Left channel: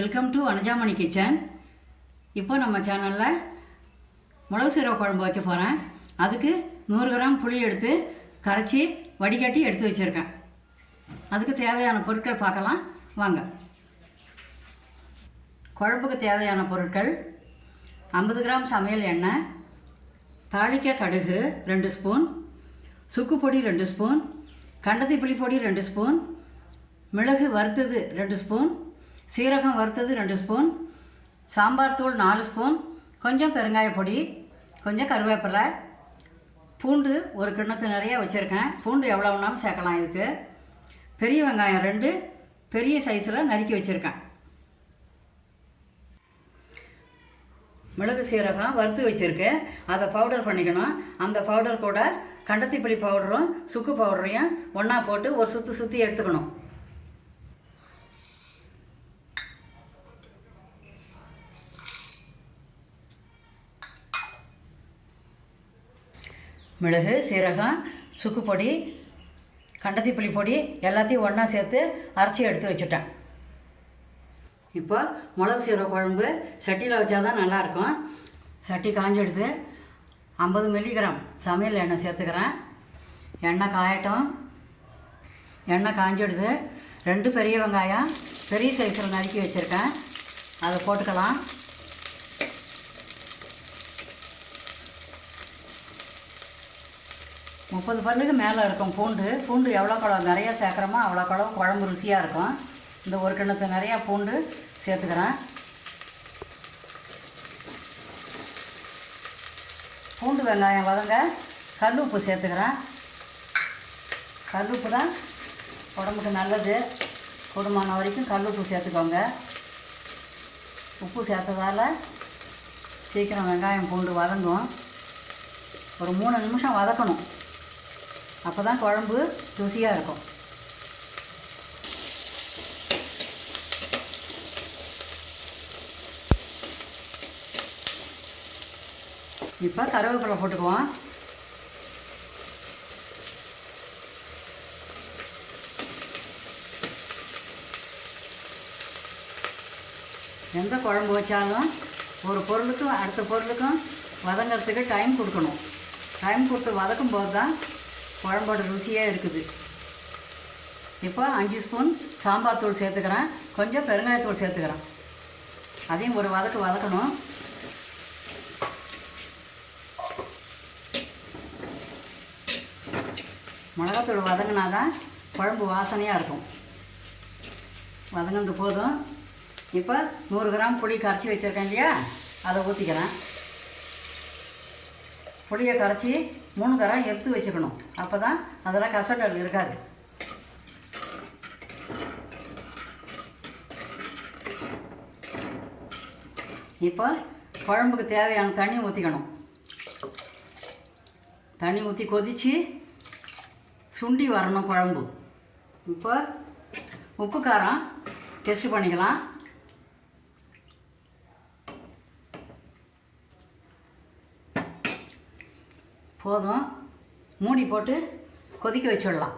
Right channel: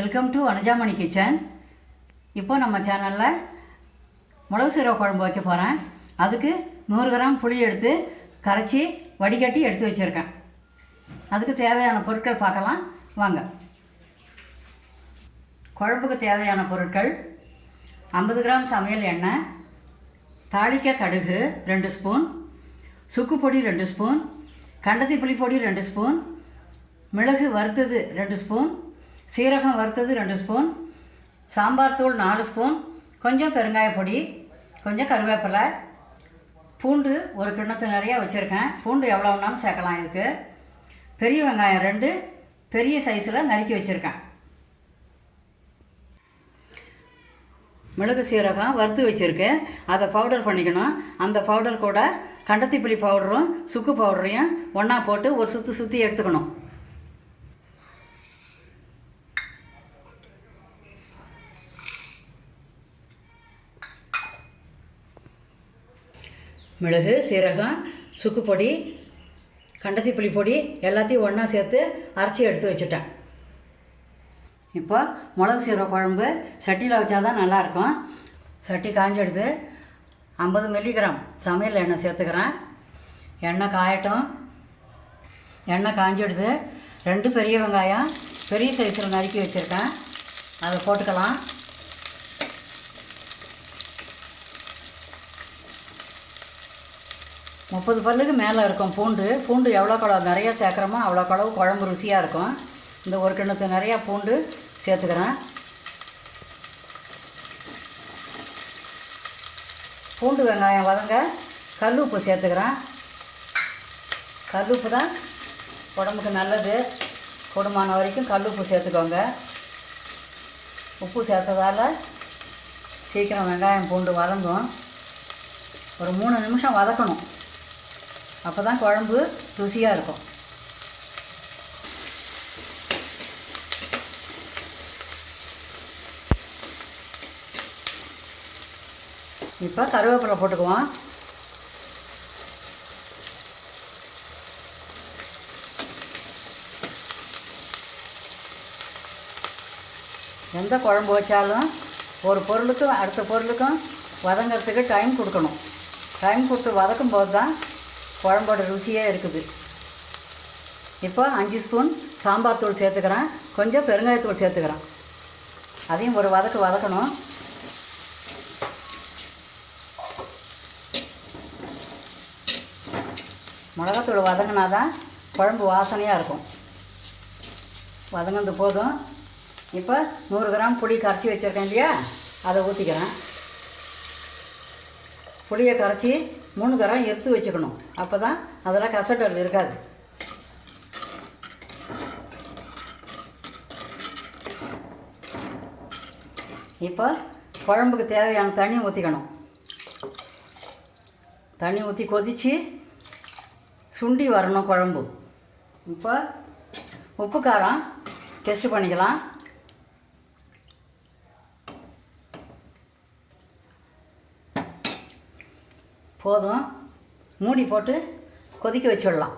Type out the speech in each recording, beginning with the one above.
Welcome to Anujamani kitchen இப்போ நம்ம சேனலில் மிளகு சீரக குழம்பு வைக்க போகிறேன் அதுக்கு நூறு கிராம் புளி எடுத்து கரைச்சி வடிகட்டி எடுத்து வச்சுருக்கேன். அதுக்கு தேவையான பொருட்கள் பார்க்கலாம். வாங்க. குழம்புக்கு தேவையான பொருட்கள் ஐம்பது கிராம் சமையல் எண்ணெய் தாளிக்க கடுகு ரெண்டு ஸ்பூன் சுக்கு பொடி ரெண்டு ஸ்பூன் கண்டத்தி புளி பொடி ரெண்டு ஸ்பூன் மிளகு வறுத்தது ரெண்டு ஸ்பூன் சீரகம் வறுத்தது ரெண்டு ஸ்பூன் சாம்பார் தூள் நாலு ஸ்பூன் கொஞ்சம் பெருங்காய பொடி கொஞ்சம் கருவேப்பிலை. பூண்டு ஒரு கிண்ணத்து நிறையா வச்சுருக்கேன். பூண்டு எவ்வளோ வேணாலும் சேர்க்கலாம் இதுக்கு. பெரிய வெங்காயம் ரெண்டு பெரிய சைஸில் நறுக்கி வச்சுருக்கேன். மிளகு சீரகம் வறுத்து வச்சுருக்கேன். அதை பவுடர் பண்ணிக்கணும். அந்த பவுடர் கூட கண்டத்திப்புளி பவுடரும் சுக்கு பவுடரையும் ஒன்றா போட்டு ஒரு சுற்றி சுற்றி எடுத்துக்கணும். மிளகு சீரகம் சுக்கு பொடி கண்டத்திப்புளி பொடி எல்லாத்தையும் ஒன்றா சேர்த்து அரைச்சி எடுத்து வச்சுட்டேன். இப்போ மிளகு சீரக குழம்பு சட்டியில் வச்சா தான் நல்லாயிருக்கும். சட்டி காஞ்செடுத்து ஐம்பது மில்லிகிராம் சமையல் எண்ணெய் சேர்த்துக்கிறேன். எண்ணெய் காயட்டும். எண்ணெய் காஞ்செடுத்து ரெண்டு பெரிய வெங்காயம் பெரிய சைஸில் நறுக்கி வச்சுருக்கேன். அதை போட்டுக்கலாம். முப்பது பல்லுக்கு மேலே இருக்கும் பூண்டு. பூண்டு எவ்வளோ குழம்பு நிறையா சேர்க்குறோமோ அவ்வளோ குழம்பு குழம்பு ருசியாக இருக்கும். இந்த ஒரு கிண்ணத்து நிறையா பூண்டு சேர்த்துக்கிறேன். பூண்டு வெங்காயம் வதங்க கல் உப்பு சேர்த்துக்கிறேன். கல் உப்பு தான் உடம்புக்கு நல்லது. கூடுமான வரைக்கும் கல் உப்பு சேர்த்துக்கோங்க. உப்பு சேர்த்ததால் சீக்கிரம் வெங்காயம் பூண்டு வதங்கும். ஒரு மூணு நிமிஷம் வதக்கணும். அப்போ தான் குழம்பு ருசியாக இருக்கும். இப்போ கருவேப்பிலை போட்டுக்குவோம். எந்த குழம்பு வச்சாலும் ஒரு பொருளுக்கும் அடுத்த பொருளுக்கும் வதங்கிறதுக்கு டைம் கொடுக்கணும். டைம் கொடுத்து வதக்கும் போது தான் குழம்போட ருசியே இருக்குது. இப்போ அஞ்சு ஸ்பூன் சாம்பார் தூள் சேர்த்துக்கிறேன். கொஞ்சம் பெருங்காயத்தூள் சேர்த்துக்கிறேன். அதையும் ஒரு வதக்கு வதக்கணும். மிளகாத்தூள் வதங்கினா தான் குழம்பு வாசனையாக இருக்கும். வதங்கினது போதும். இப்போ நூறு கிராம் புளி கரைச்சி வச்சுருக்கேன் இல்லையா? அதை ஊற்றிக்கிறேன் புளியை கரைச்சி மூணு தரம் எடுத்து வச்சுக்கணும். அப்போ தான் அதில் கசட்டல் இருக்காது. இப்போ குழம்புக்கு தேவையான தண்ணி ஊற்றிக்கணும் தண்ணி ஊற்றி கொதித்து சுண்டி வரணும் குழம்பு. இப்போ உப்பு காரம் டெஸ்ட் பண்ணிக்கலாம். போதும். மூடி போட்டு கொதிக்க வச்சுடலாம்.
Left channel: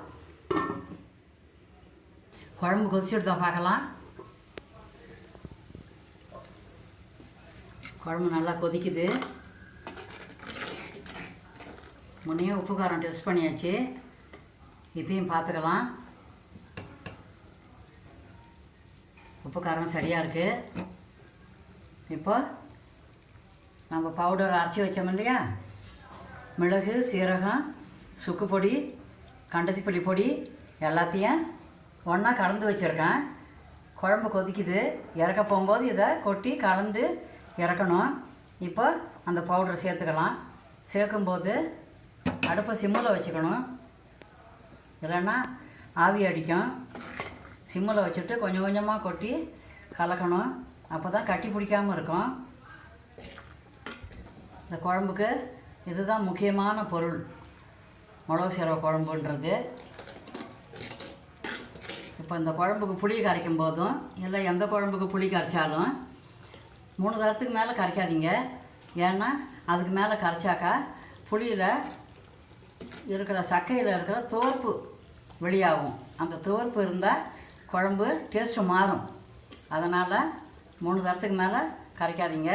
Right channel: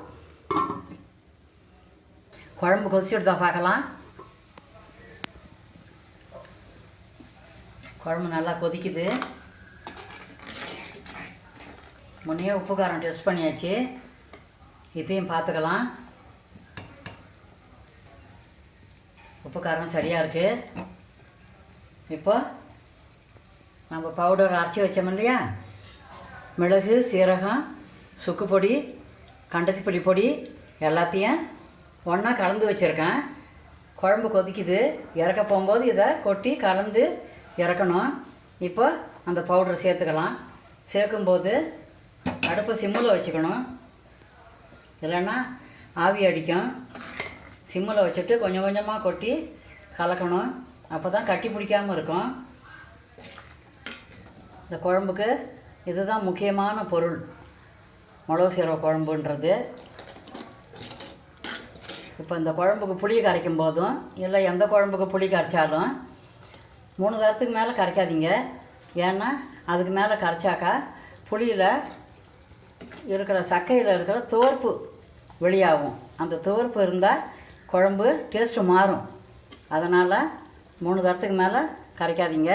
குழம்பு கொதிச்சு விடுதா பார்க்கலாம். குழம்பு நல்லா கொதிக்குது. முன்னையே உப்பு காரம் டெஸ்ட் பண்ணியாச்சு. இப்பயும் பார்த்துக்கலாம். உப்பு காரம் சரியாக இருக்குது இப்போ நம்ம பவுடர் அரைச்சி வச்சோம் இல்லையா? மிளகு சீரகம் சுக்கு பொடி கண்டத்திப்பள்ளி பொடி எல்லாத்தையும் ஒன்றா கலந்து வச்சுருக்கேன். குழம்பு கொதிக்குது. இறக்க போகும்போது இதை கொட்டி கலந்து இறக்கணும். இப்போ அந்த பவுடர் சேர்த்துக்கலாம். சேர்க்கும்போது அடுப்பை சிம்மில் வச்சுக்கணும். இல்லைன்னா ஆவி அடிக்கும். சிம்மில் வச்சுட்டு கொஞ்சம் கொஞ்சமாக கொட்டி கலக்கணும். அப்போ தான் கட்டி பிடிக்காமல் இருக்கும். இந்த குழம்புக்கு இதுதான் முக்கியமான பொருள். மிளகு சீரக குழம்புன்றது. இப்போ இந்த குழம்புக்கு புளி கரைக்கும் போதும் இல்லை எந்த குழம்புக்கு புளி கரைச்சாலும் மூணு தரத்துக்கு மேலே கரைக்காதீங்க. ஏன்னா அதுக்கு மேலே கரைச்சாக்கா புளியில் இருக்கிற சக்கையில் இருக்கிற துவர்ப்பு வெளியாகும். அந்த துவர்ப்பு இருந்தால் குழம்பு டேஸ்ட்டு மாறும். அதனால் மூணு தரத்துக்கு மேலே கரைக்காதீங்க.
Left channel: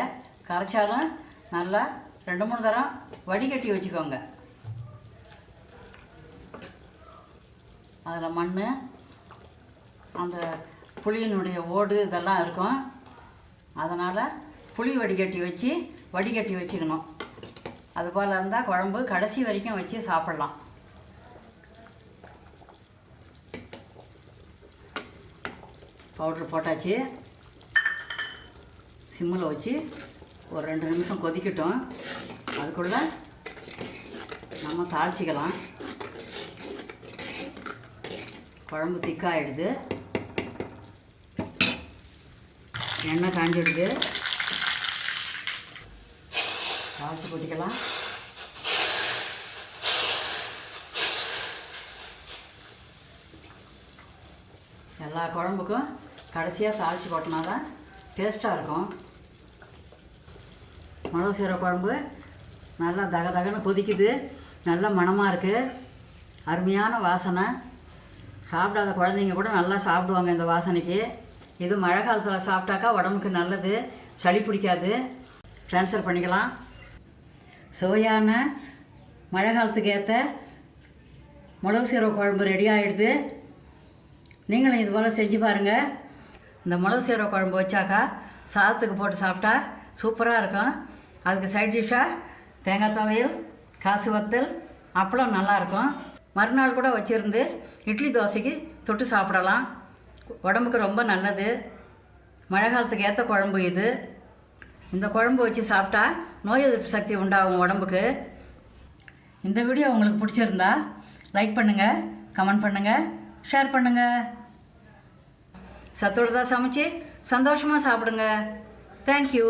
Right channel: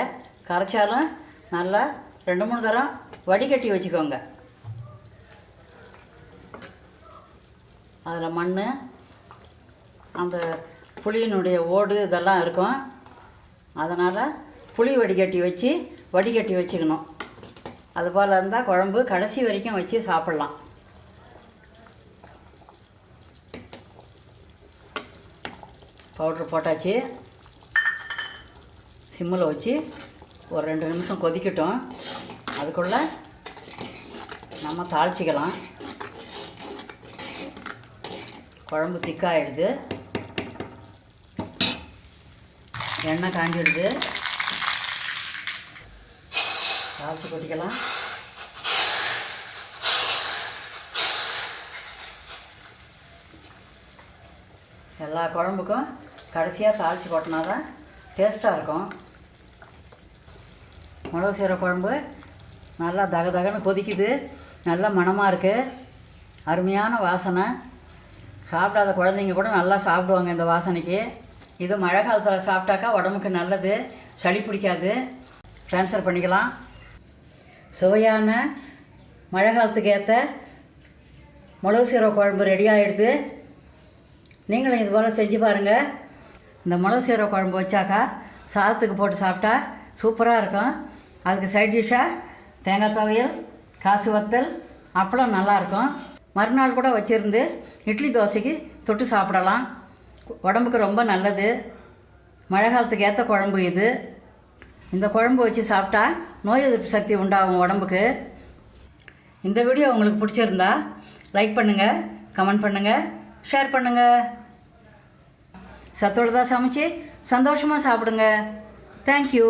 கரைச்சாலும் நல்லா ரெண்டு மூணு தரம் வடிகட்டி வச்சுக்கோங்க. அதில் மண் அந்த புளியினுடைய ஓடு இதெல்லாம் இருக்கும். அதனால் புளி வடிகட்டி வச்சு வடிகட்டி வச்சுக்கணும். அதுபோல் இருந்தால் குழம்பு கடைசி வரைக்கும் வச்சு சாப்பிட்லாம். பவுட்ரு போட்டாச்சு. சிம்மில் வச்சு ஒரு ரெண்டு நிமிஷம் கொதிக்கட்டும். அதுக்குள்ளே நம்ம தாளிச்சிக்கலாம். குழம்பு திக்காயிடுது. எண்ணெய் காஞ்சிடுது. தாளித்து கொதிக்கலாம். எல்லா குழம்புக்கும் கடைசியாக தாளித்து போட்டோம்னா தான் டேஸ்ட்டாக இருக்கும். மிளகு சீரக குழம்பு நல்லா தக தகன்னு கொதிக்குது. நல்ல மணமாக இருக்குது அருமையான வாசனை. சாப்பிடாத குழந்தைங்க கூட நல்லா சாப்பிடுவாங்க இந்த வாசனைக்கு. இது மழை காலத்தில் சாப்பிட்டாக்கா உடம்புக்கு நல்லது. சளி பிடிக்காது. ட்ரான்ஸ்ஃபர் பண்ணிக்கலாம். சுவையான மழை காலத்துக்கு ஏற்ற மிளகு சீரக குழம்பு ரெடி ஆகிடுது நீங்களும் இது போல் செஞ்சு பாருங்கள் இந்த மிளகு சீரக குழம்பு வச்சாக்கா சாதத்துக்கு போட்டு சாப்பிட்டா சூப்பராக இருக்கும் அதுக்கு சைட் டிஷ்ஷாக தேங்காய் துவையல் காசு வத்தல் அப்பளம் நல்லாயிருக்கும். மறுநாள் கூட வச்சுருந்து இட்லி தோசைக்கு தொட்டு சாப்பிடலாம். உடம்புக்கு ரொம்ப நல்லது. மழை காலத்துக்கு ஏற்ற குழம்பு இது. இந்த குழம்பு வச்சு சாப்பிட்டா நோய் எதிர்ப்பு சக்தி உண்டாகும் உடம்புக்கு. இந்த வீடியோ உங்களுக்கு பிடிச்சிருந்தா லைக் பண்ணுங்கள் கமெண்ட் பண்ணுங்கள் ஷேர் பண்ணுங்கள் சத்தோடு தான் சமைச்சு சந்தோஷமாக சாப்பிடுங்க. தேங்க்யூ